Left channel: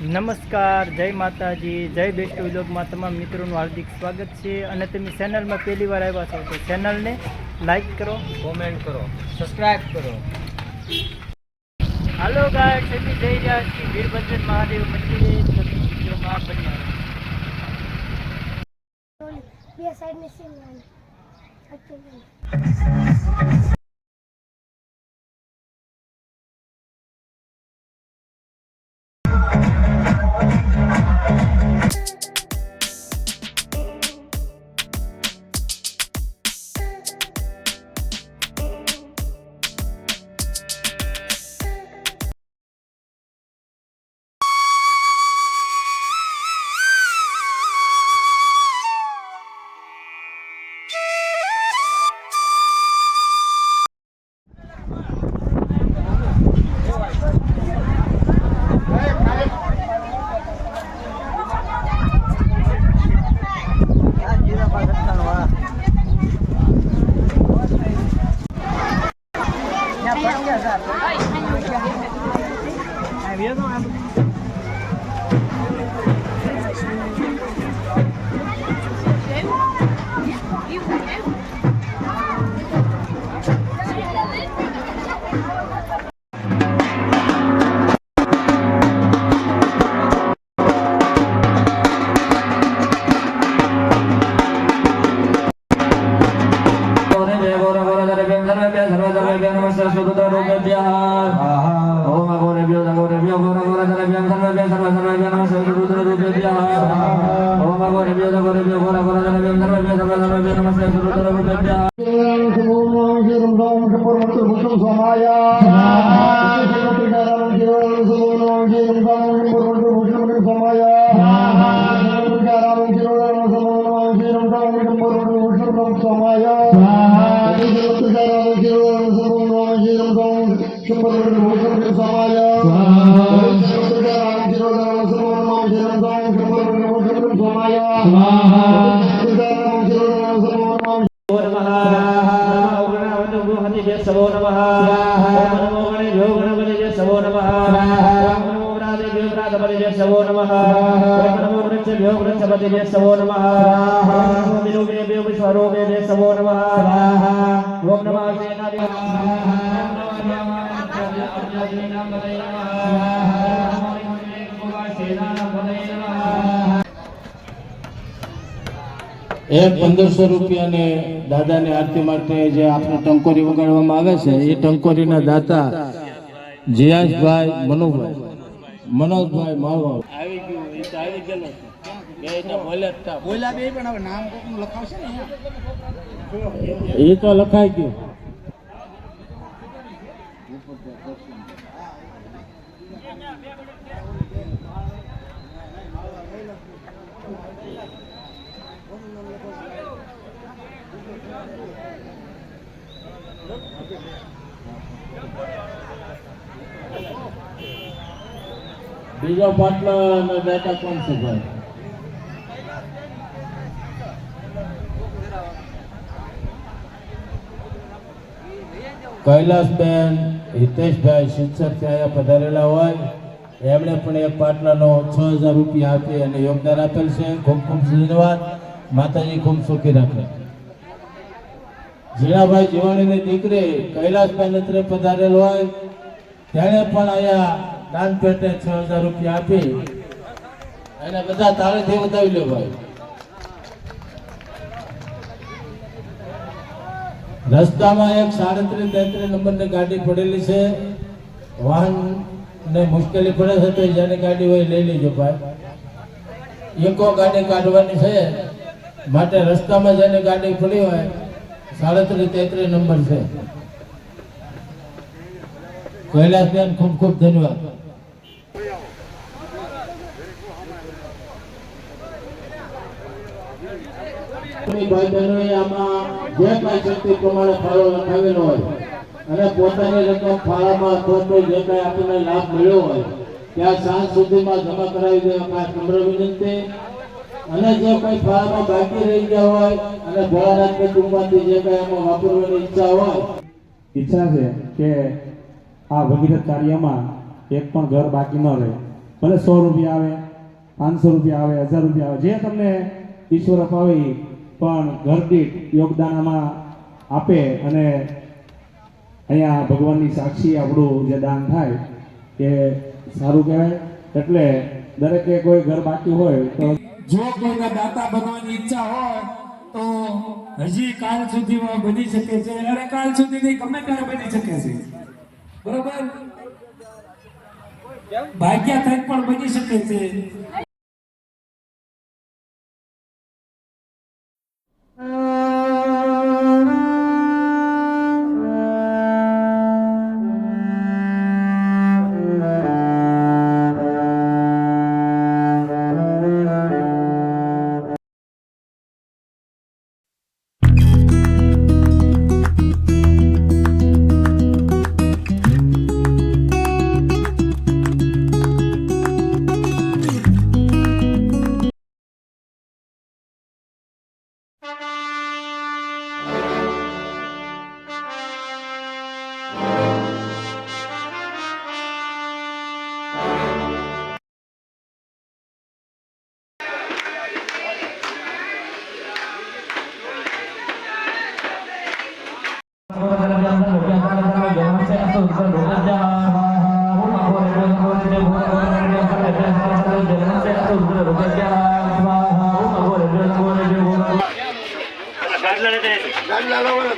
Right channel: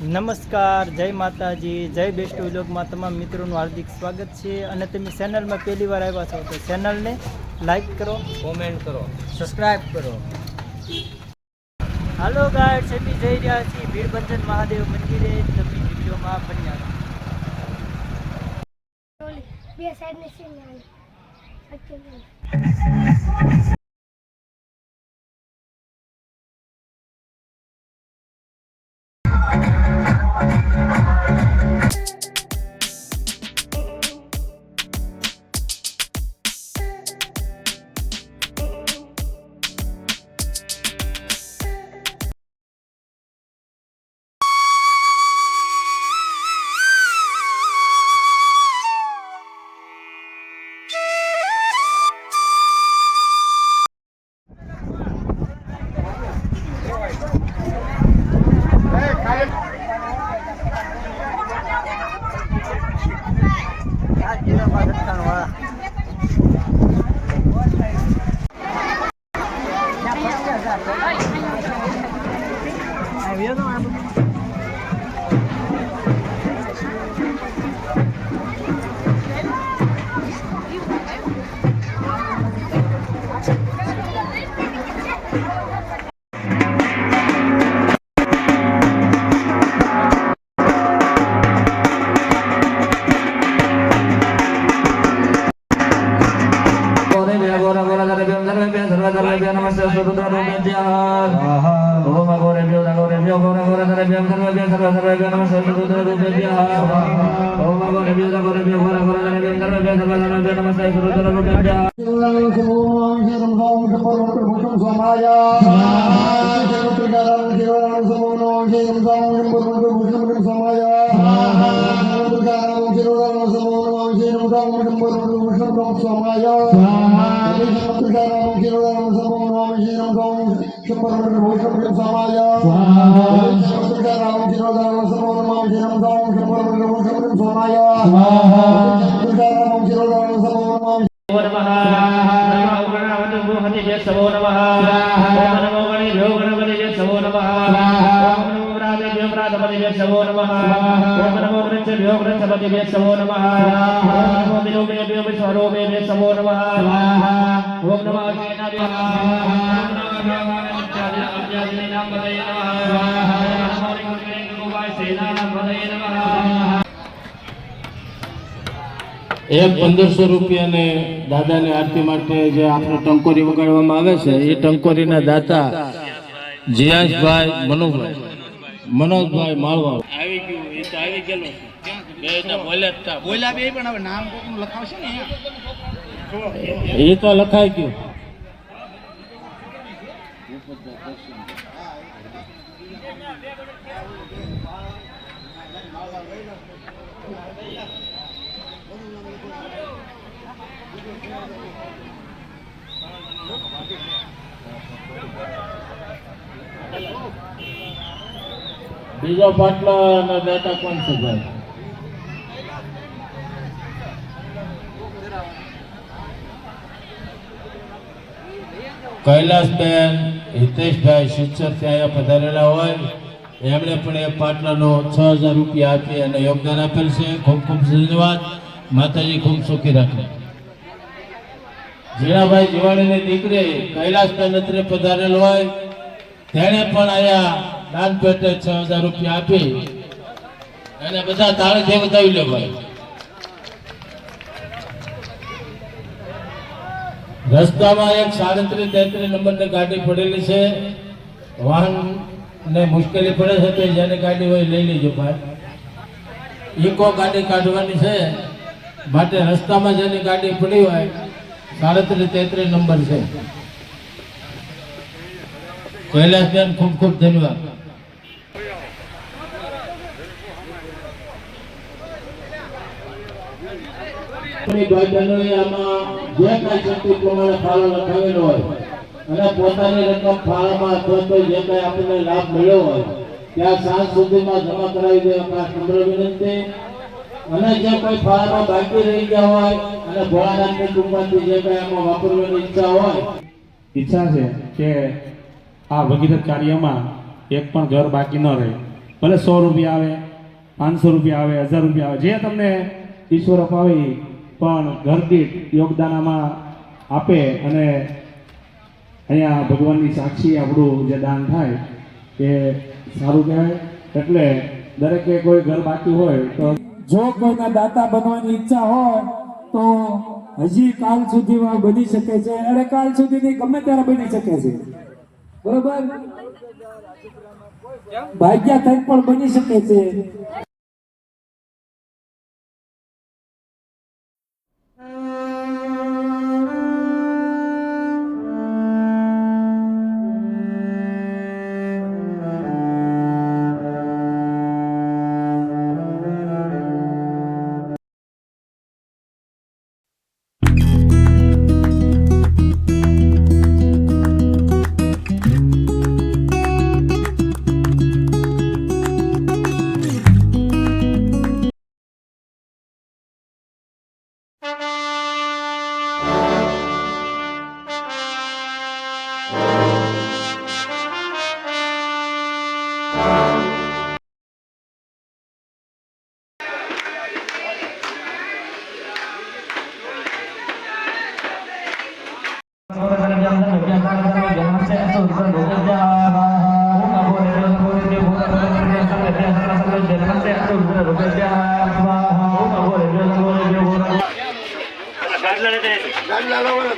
નમસ્કાર, જય માતાજી, જય બેસ્ટ વ્લોગમાં તમામ મિત્રોનું હાર્દિક સ્વાગત છે। અને તમે ચેનલમાં પહેલી વાર આવ્યા છો તો ચેનલને લાઈક કરો, કોમેન્ટ કરો, સબસ્ક્રાઇબ કરો। હાલો ગાઈસ, અમે જઈ રહ્યા છીએ વીરભદ્ર મહાદેવ મંદિરે। તમે વિડીયોમાં બન્યા રહો। બે સાઈડ ને સીન ₹1500 ને દાદાની આરતી માટે જે આપણે ટંકોરી વગાડવામાં આવે છે એ ટંકોરીના દાતા જીયાશભાઈ મનોજભાઈ માળવા આવી ગયું। એ તો આવી ગયેલો બોલ્યા બે પણ હવે નામ કોકનું લખાવશે ને એ તો લખાઈ ગયું। બીજો પાટલો દાતા કોણ છે ભાઈ? કૈલાસબેન હિતેશભાઈ શિક્ષક અહીંયા પધારેલા હોય એમણે પણ એ પાટલાનો ₹6000 આપી અને યોગદાન આપેલ છે। ખૂબ ખૂબ ધન્યવાદ। માતાજી ખૂબ સુખી રાખે। જીણાભાઈ જીવાણીની દીકરી કૈલાસબેન અત્રે પધારેલ હોય તેણે પણ અહીંયા દાન પેટે ₹6000 આપી એને બધા તાળીથી વધાવી લે ભાઈ। રસ્તામાં એક 37-33 નંબરની ગાડી પડેલી છે, વાહન ને મુશ્કેલી પડે છે તો જેને ગાડી હોય લઈ લેજો ભાઈ। ઇકો ગાડી કાઢવાની છે માટે રસ્તામાં જેની ગાડી પડી હોય 37-33 નંબર છે। કૈલાસબેન ખૂબ ખૂબ ધન્યવાદ। ભાઈ બહેનોએ આમાં જે કાંઈ શક્તિ પ્રમાણે ફાળો લખાવેલો હોય અને પોતાની રકમ ફાળામાં અથવા તો જે કાંઈ આપણને લાભ મળ્યો હોય ત્યાં સાંજ સુધીમાં જમા કરાવી દેવા ખાસ નમ્ર વિનંતી। અને જે કોઈ ફાળામાં બાકી રહી ગયા હોય અને ભોળાનાથની કૃપાથી જે કાંઈ આમાં વાપરવાની ઈચ્છા છે કે આ ભગીરથ કાર્યમાં એક પણ ઘર બાકી ન રહે ભલે 100 રૂપિયા આવે, 500 રૂપિયા આવે, 1000 રૂપિયા આવે, જે તમને ઈશ્વર અપાવે એ, પણ ઘર દીઠ યોગદાન આમાં આપે અને અહીંયા ભગવાનની સાક્ષી આપણું જે દાન થાય એ સારું કહેવાય. એટલે દરેકે કોઈ ઘર બાકી હોય તો જો કોઈને દાતા બનવાની ઈચ્છા હોય તો હજી કાલ સુધીમાં બની શકે છે, અને કાલ સુધીની ગમે ત્યારે બની શકે છે. બરોબર, ભાગ્યા થઈને પણ બની શકે છે.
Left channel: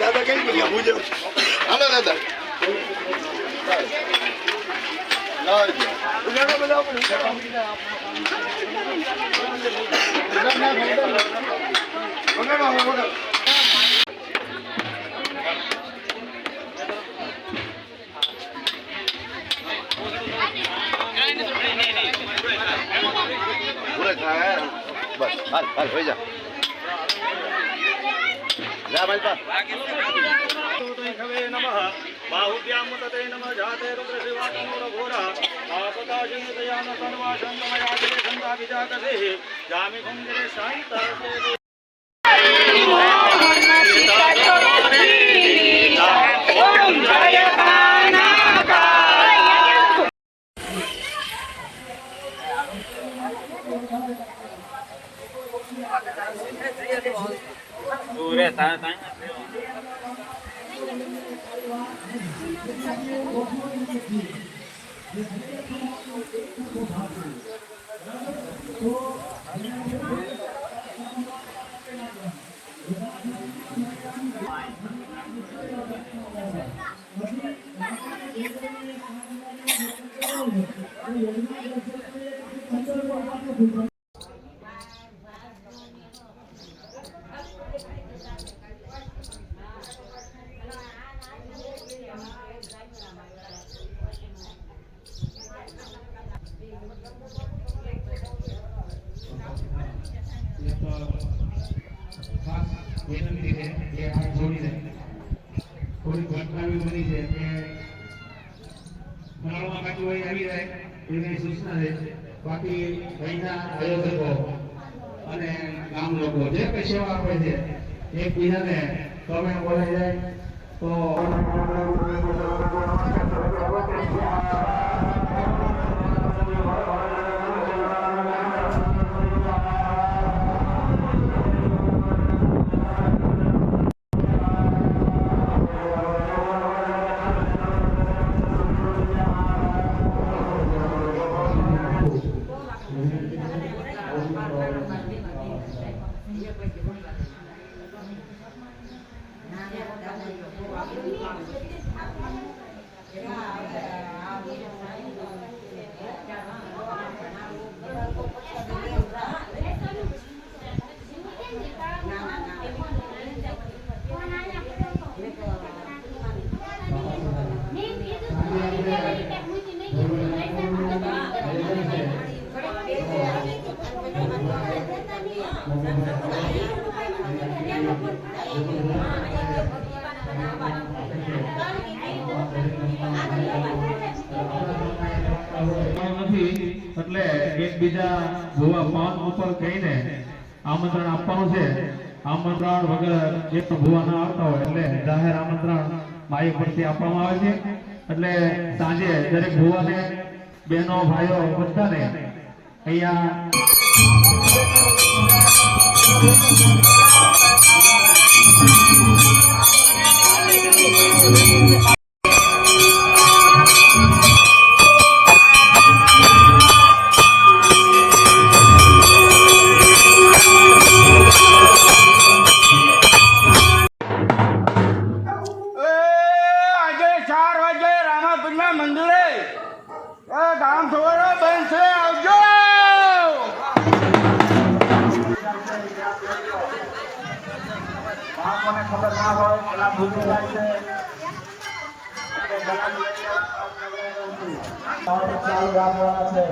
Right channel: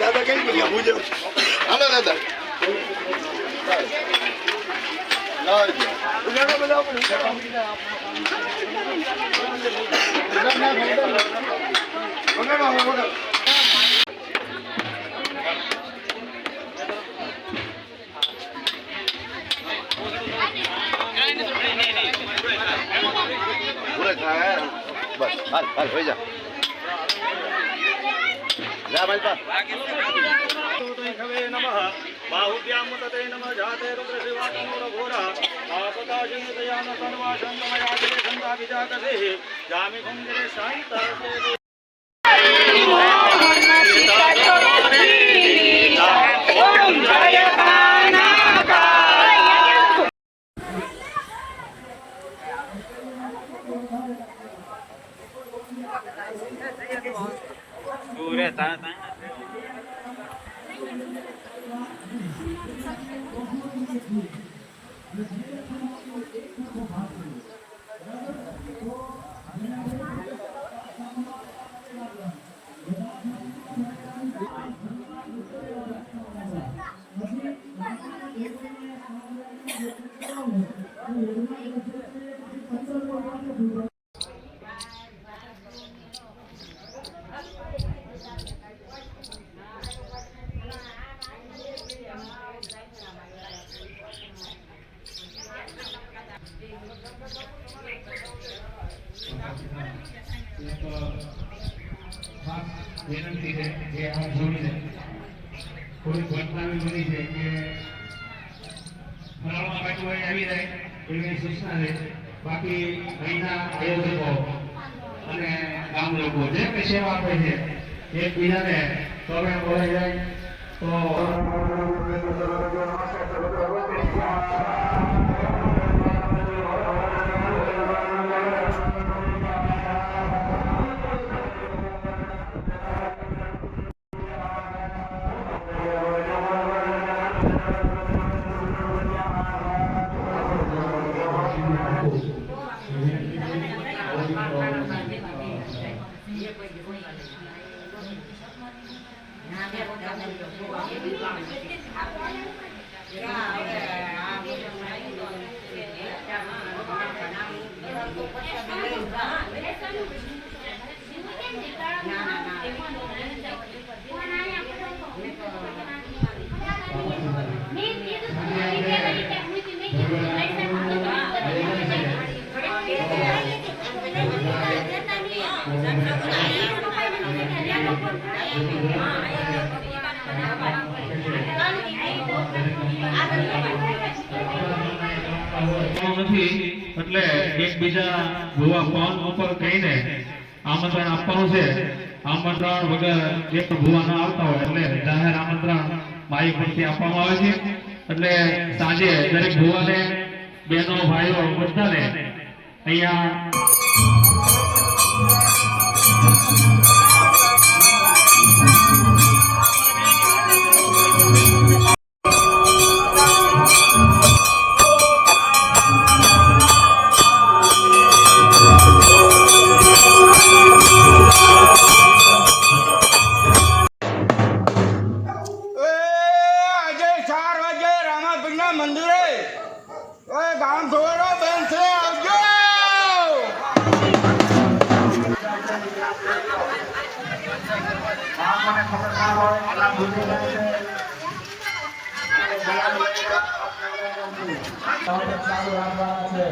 દાદા કઈ ગયા પૂજો હાલો દાદા બસ હાલ હાલ હોઈ જા જા માલપા खवे नमः बाहुभ्यां मुदते नमः जाते रुद्र शिवात्मोर घोरा आपदाशं दयान सर्वाशं नमयादिरे संगा विजातसे जामि कुंजरे शांतासे વિનંતી છે કે આપ જોડીને કોઈ ઘટના એવી બની છે કે ફરાળમાં કાચું વળી આવી જાય એવી સૂચના છે. બાકી અહીંના આયોજકો અને ગામ લોકો જે કંઈ સેવા આપે છે એકબીજાને તમે બોલાઈ જાય તો એટલે એકબીજા ભૂવા ફોન ઉપર કહીને આમંત્રણ આપવાનું છે. આમંત્રણ વગર એક ભૂવા ન આવતા હોય એટલે જાહેર આમંત્રણ મારી પરથી આપવામાં આવે છે. એટલે સાંજે દરેક ભૂવાને બહેનો ભાઈઓ બધાને અહીંયા આજે 4 વાગે રામાપીરના મંદિરે ગામ થોડો બંધ છે, આવજો. ચાલુ રાખવાના છે.